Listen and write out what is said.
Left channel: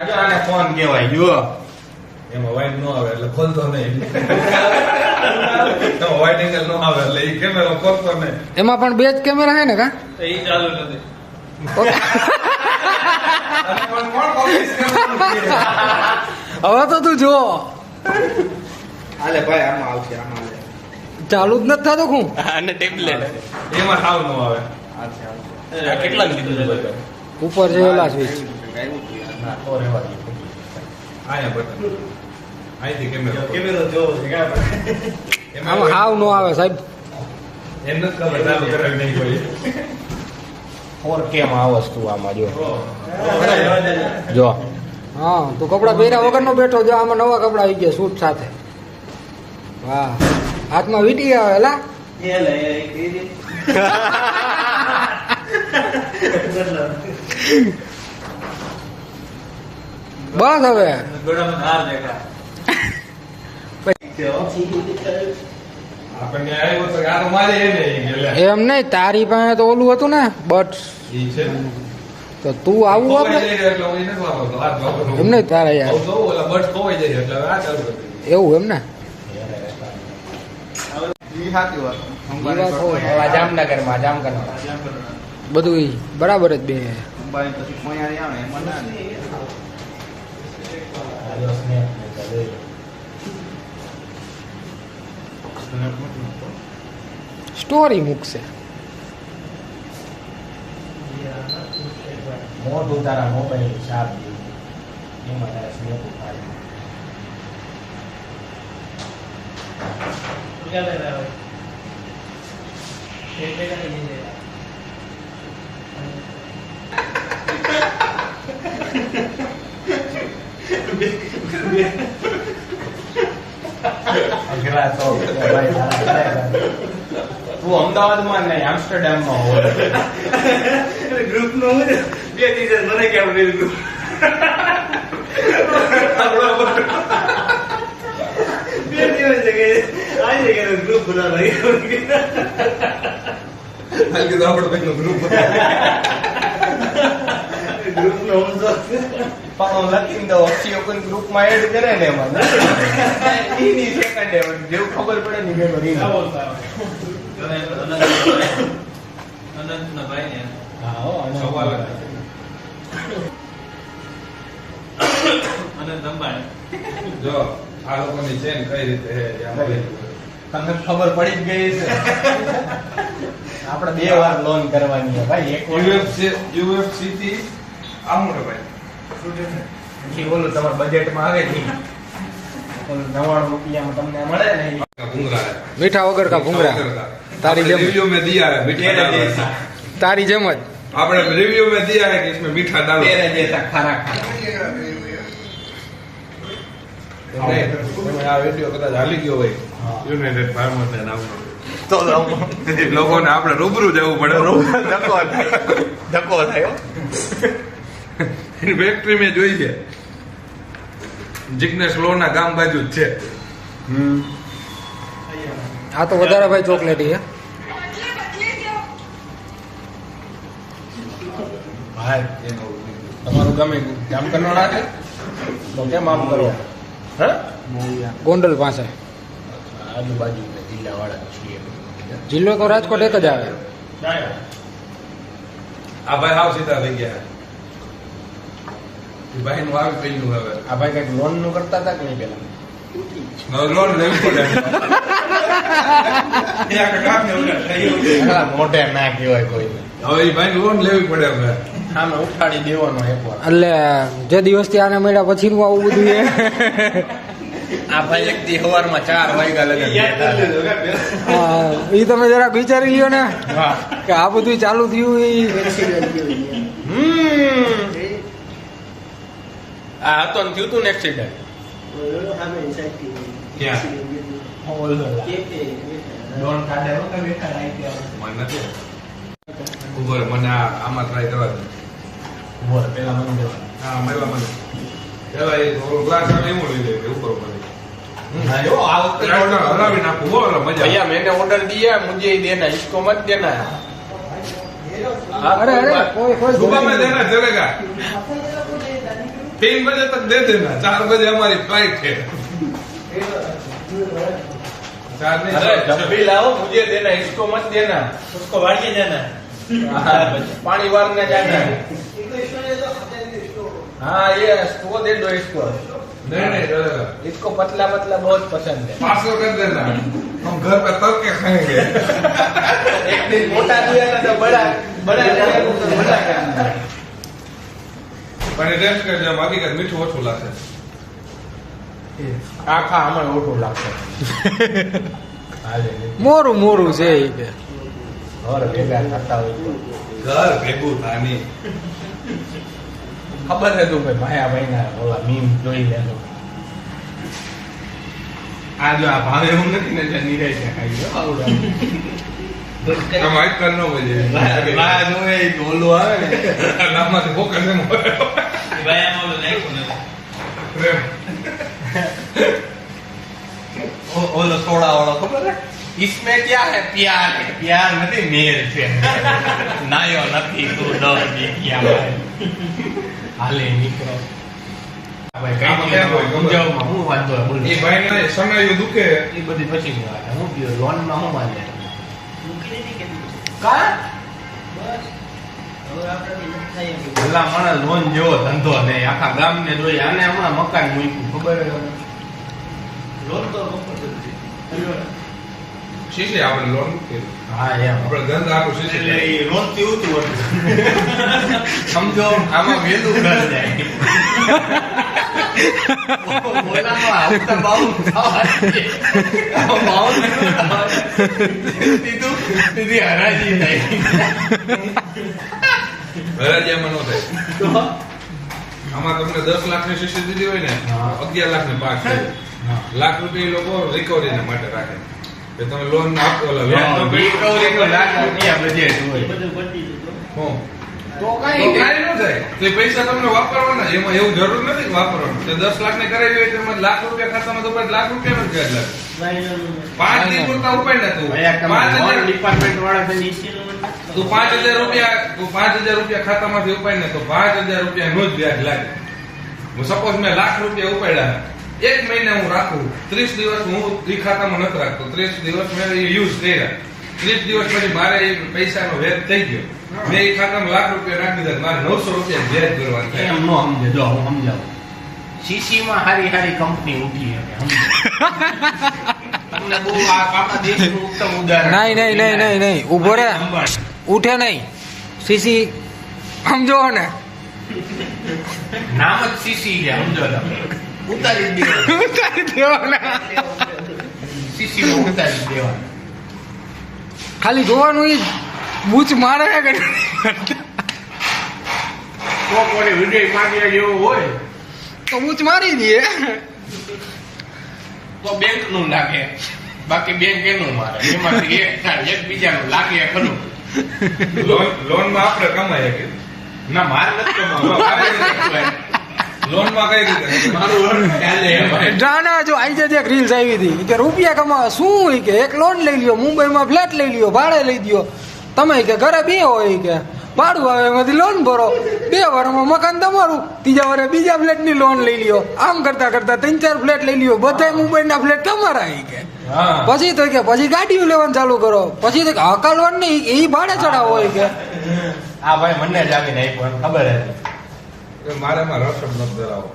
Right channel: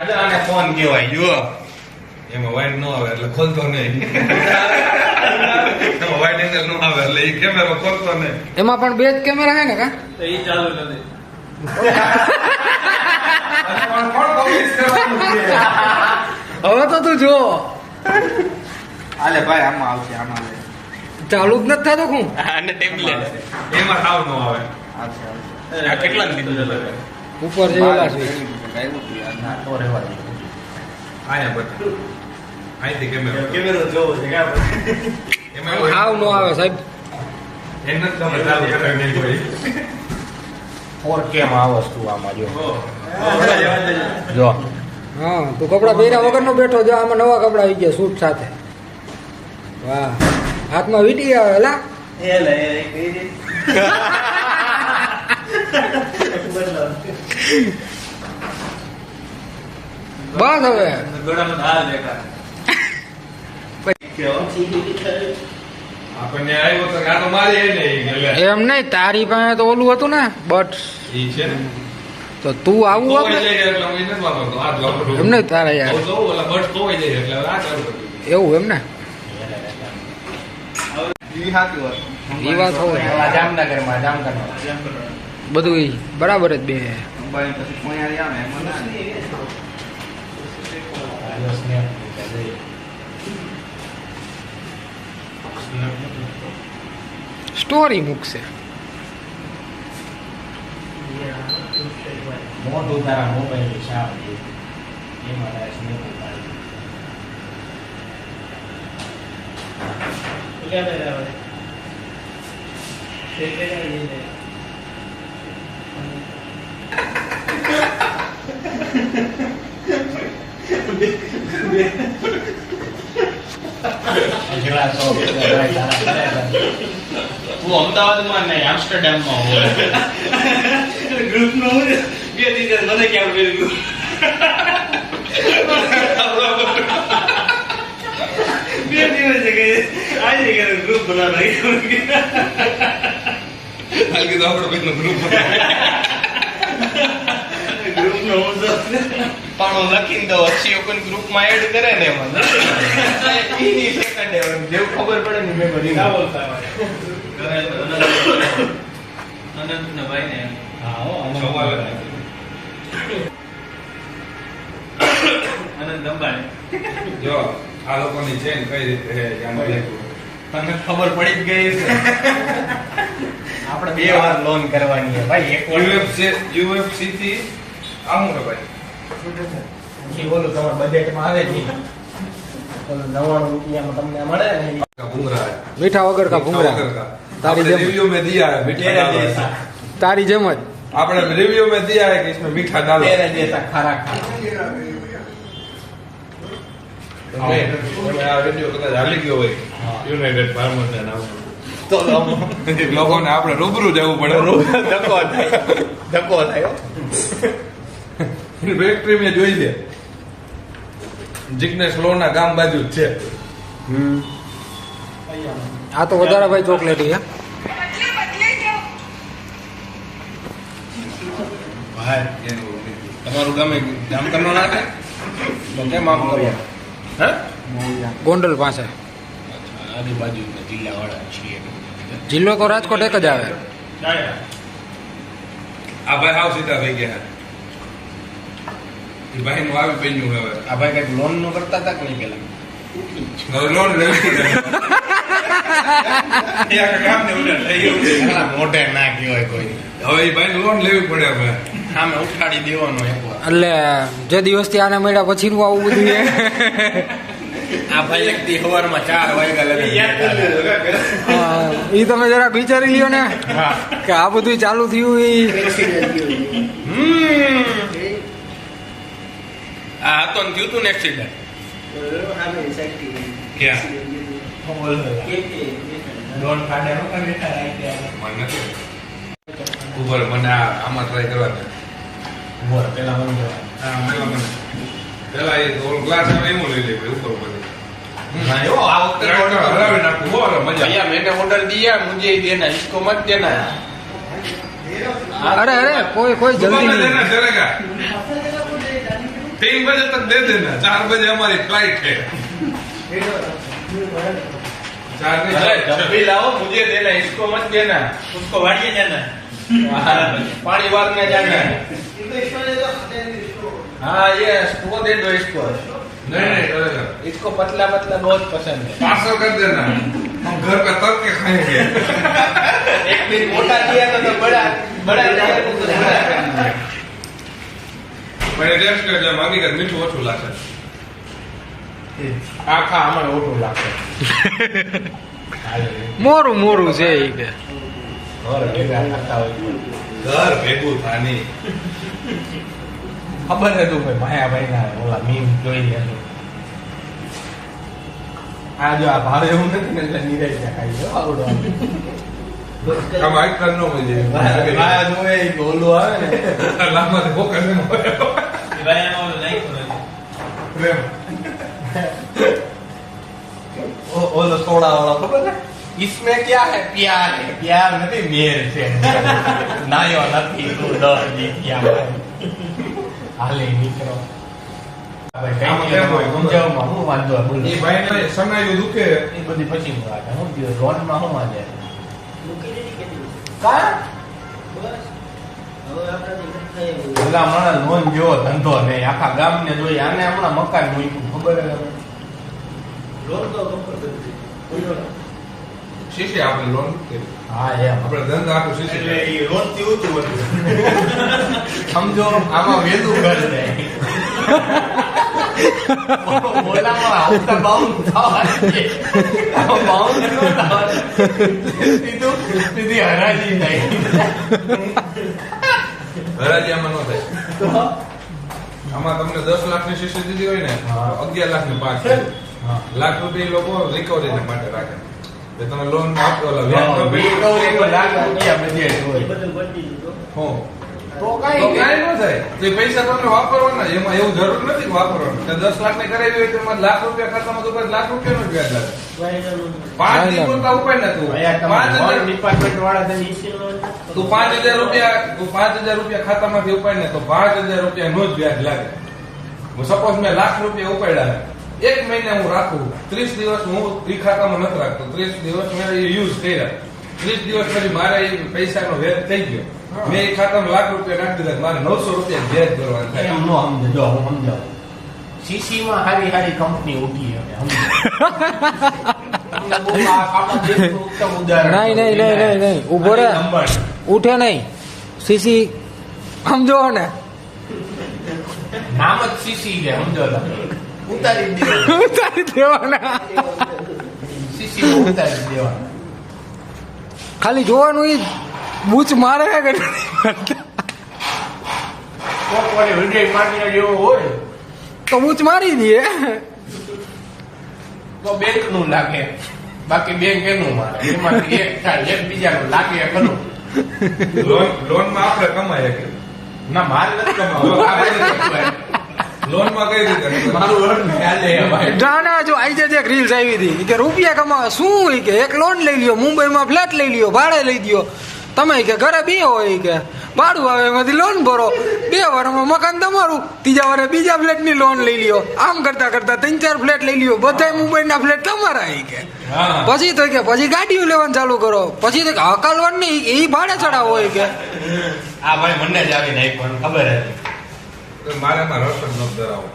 આને ફોન કહેવાય જો એમાં વાઇન ન આવે એટલે ખોલતો નહીં. એમાં વાઇટ એંગલ ન આવે એટલે એ કેમેરો ખોલતો નહીં. એમાં પણ બે જ કેમેરા હે ને કા? એ ચાલુ નથી? હવે તો તું જો હાલે ભાઈ આમાં આવશે આમાં ચાલુ જ નથી થતો હું અને ટેબ્લેટ એમાં સાવ ન આવે. અચ્છા કેટલા ઉપર જે ઓલા સ્વિચ હાવ નો આવે સાહેબ. ફોર આ વસ્તુ આમાં જો. જો હા તું કપડા પહેર્યા વગરનો બેઠો જો આમાં નવા કપડા આવી ગયા સૂટ સાથે. વાહ હાથમાં વીટી આવે હેલા એ. નહીં હવે. એમ નહીં તારી પાસે તો ઓલું હતું ને બટ. ઈ છે ને. તો તું આવું આપણે. એમ નહીં તારા યાર. એવું એમ ને? બધું બરાબર જ બે. અંબાઈ પછી પોણારી આવે એમાં ના લે. સ્ટોરી મૂકશે મોઢું તારા મોબાઈલ શાપ ઉતારી. તું અમદાવાદમાં નહીં આમસ્ટરડેમમાં હોય. ગ્રુપ નો બે દિવસ મને કેમ બે દિવસ કે આજે કે ગ્રુપ બનાવવાનો. હાલ કીધું આપણો ગ્રુપ group ગ્રુપ નો પણ હું લખીને દઉં અક્ષય કોઈ ગ્રુપમાં એડ કરે ને એમાં સેકન્ડ જેવું ખબર પડે ને મેં ના બોલતા હોય. અનંત ના ભાઈ ને હા હો અનંત અંબાણી. જો આ લોકોની ચેન કઈ રીતે છે તમને ખબર પડી જ ગઈ છે. આપણે બે વાર લોન કરવાની છે ભાઈ એક યુએફસી UFC થી આ હું રે ભાઈ પછી બોલું તમારા બજેટમાં આવે જ નહીં ઓલું નવ્વાણું રૂપિયામાં તમને મળે ને ઈ का भूंगरा है મીઠા વગર કા ભૂંગરા તારી જેમ रिव्यू में दिया है मीठा डालो ऐसा તારી જેમ જ आपने रिव्यू में दिया है कि इसमें मीठा डालो તેરે જેતા ખારા ખારા તમે તમે આ વિડિયો કદાચ હાલી ગયો હોય હા. યુનાઇટેડ ફાર્મર્સ ને નામ તો લોકોને આપણે રૂબરૂ જવું પડે ધક્કો થાય ધક્કો થાય એની ફેક્ટરી મેં જોઈ છે. જિગ્નેશ લોના ગામ બાજુ જ છે. આ તો વધારે ભાઈ ચોકલેટ હે તમારું ગમે જામકર નો નાખે? તો કેમ આમ કરો? હે? ગોંડલ પાસે. આજુબાજુ જિલ્લા વાળા છીએ જિલ્લો તો રાજકોટ એક જ આવે. આ ભાઈ હાવ સીધા થઈ ગયા. એ ભાઈ નું આવી પેન્યું હવે. આ ભાઈ કંઈક લોનનું કરતા હતા કે નહીં પેલા? લોન લેવી એ મોઢે ના કહેવાય કોઈ હવે એ ભાઈ લોન લેવી પડે હવે. સામે ઉઠાડી દેવાનો એકવાર. એટલે જે દિવસથી આને મળ્યા પછી નું આવું બધું આ ભાઈ એક ચાર વાગ્યા ઈ તમે જરાક વિચારી લ્યો ને કે આ બધું ચાલુ થયું ઈ. આ હતો થયું તું ને એક્સિડન્ટ મને પેલા મને લઈ લે ઉપર મને હરાવી મજા અહીંયા મેને ઓર્ડર દિયા મુજે દેના ઇસકો મત દેના અરે અરે કોઈ કોઈ જલ્દી तीन बजे तक दे देना चार बजे हमारी फ्लाइट है चार नहीं अरे छह। जब भी लाओ मुझे देना इसको मत देना उसको वाड़िए जाना हाँ, पानी वार में जाना हाँ ये वो दे दो इसको नहीं नहीं चलेगा। इसको पतला पतला बहुत पसंद है पार्सल कर देना हम घर पे तल के खाएंगे एक दिन मोटा दिया था तो बड़ा बड़ा પણ રેસ્ટ કરીને માંગી કે મીઠું ઓછું લાગે આખા આમાં ઓછું લાગશે મોરું મોરું છે એ કે ઘર ભેગા થતા હોય ઘર ભેગું થાની ખબર હતું માયા ભાઈ ના ઓલા મીમ જોઈ લેલું આ જો આ ભાવે એવું નથી ને એટલે નિરાશ ખાઈ ગયો આવડો આમ આજકાલ નો મજા આ જો એ ઓલું આવે ને લાંબાથી ફોકસ એમ હોય. ભાઈ આમાં ઓલું નાખ્યું નથી પ્રેમ ઓ- ઓલો સોડા વાળો ખબર है इसमें क्या है प्यार है प्यार નથી મેર છે નાયો નથી તું દ દીખ્યા ભાઈ હાલે નીકળો ભાઈ કઈ આમ કેમ હોય? સમજાવમાં હું વાંધો હોય? બોલો. એ ભાઈને સમય દુખે એ બધી પછી ની વાત હું કયો લોનમાં શું વાંધો મૂકી દીધી કે કા બસ હવે આપણાથી નથી થાય એવું. ઓલા માણસ લોન જેવો ધંધો નહીં આખા ગામને જોઈ આને હમણાં મકાન મૂક્યું ખબર હે તમને? લોન તો કમ્પલસરી છે. શીશી આપણે લોન હા એમ આપણે ધંધા આટલું એટલે શીશી એ લોનથી ઊંધું હતું. સમજો આમાં વહેલું ઘર જાય ઓલામાં હપ્તા બાઉન્સ થવાના છે. આમાં બાઉન્સ ન થવાના. સીધું સીધી હરાજી થાય ન થાય. આમાં તમને દસ લાખની શીશી દીધી હોય ને અગિયાર લાખ લાખની પાંચ લાખ રૂપિયા લોકો રિકવરી માટે રાખે. કે તમે લોન આપો તો કોઈ કાંઈ ન થાય. પૈસા તમને વાપરવાના. એમાં એવું જરૂર નથી વાપરવાનું. તો દસ લાખની કરાવી હોય તો એમાં લાખ રૂપિયા ખાતામાં તો લાખ રૂપિયા નું વ્યાજ લાગે. પાંચ ના, ના. ના ડિપાર્ટમેન્ટ વાળા CC લોન તું પાંચ હજાર રૂપિયા પાંચ હજાર રૂપિયા ખાતામાંથી ઉપાડીને તો પાંચ હજાર રૂપિયા એનો જ વ્યાજ લાગે. હું સપોઝ મેં લાખ રૂપિયા ઉપાડ્યા. એક મહિને હું રાખું ત્રીસ દિવસ હું એ ખાતામાં નથી રાખતો. ત્રીસ દિવસ મેં યુઝ કર્યા. ત્રીસ દિવસ પછી મારે એ પૈસાનો વેચ થઈ ગયો. મેં એ ખાતામાં લાખ રૂપિયા નાખી દીધા. મારે નવસો રૂપિયા વ્યાજ ભરવાનું થાય. એમ નો સમજે. જો હું સમજાવું. સીસી માં હારી હારી કંપની ઉઠી નહીં નહીં નહીં નહીં નહીં. ઊભો રે. ઉઠે નહીં. સીસી સમજો ને. નામ જ સીસી છે સમજો ઉતારી જ ઉતારી દેવાના. સીસી ઉતારી જ ખાલી જોવાનું ઈ બૂચ મારે કે કોક વાળી વિજય માંડ્યા જેવો હોય. તો બૂચ મારી દઈએ. તો બેંકનું લાગે. બાકી બેંક એનું મારે એમાંથી એક થાય એક બીજાનું લાગે ખરું? લોનમાં આપણે કમાય કે? ના મારે નથી કઈ રીતે? મારું નહીં ભાઈ. નાના જો આઈ જે એક રીલ્સ આવી હતી. કે રૂપિયા કમાવા શું કે? એક લોન લઈ લ્યો મુંબઈમાં ફ્લેટ લઈ લ્યો ભાડે લઈ દ્યો. તમે કે ઘરે બે હોય કે. ભાડું આવે એમાંથી લોન ભરો. બે વારમાં મકાન તમારું. ત્રીજા વારે બીજા ફ્લેટની લોન લઈ લ્યો. આમ કરતા કરતા ત્રણ ચાર ફ્લેટ લઈ લ્યો. બધા મુંબઈના ફ્લેટ તમારા આવી કે પછી તો કે પછી ગાડીઓ લેવાનું ચાલુ કરો. પછી તો કે હકાલવાનું નહીં એ ભાડે ચડાવો હોય કે. આ ભાઈ મને જ આવીને એક ખબર હતી. મારે એમાં રસ જ ધરાવો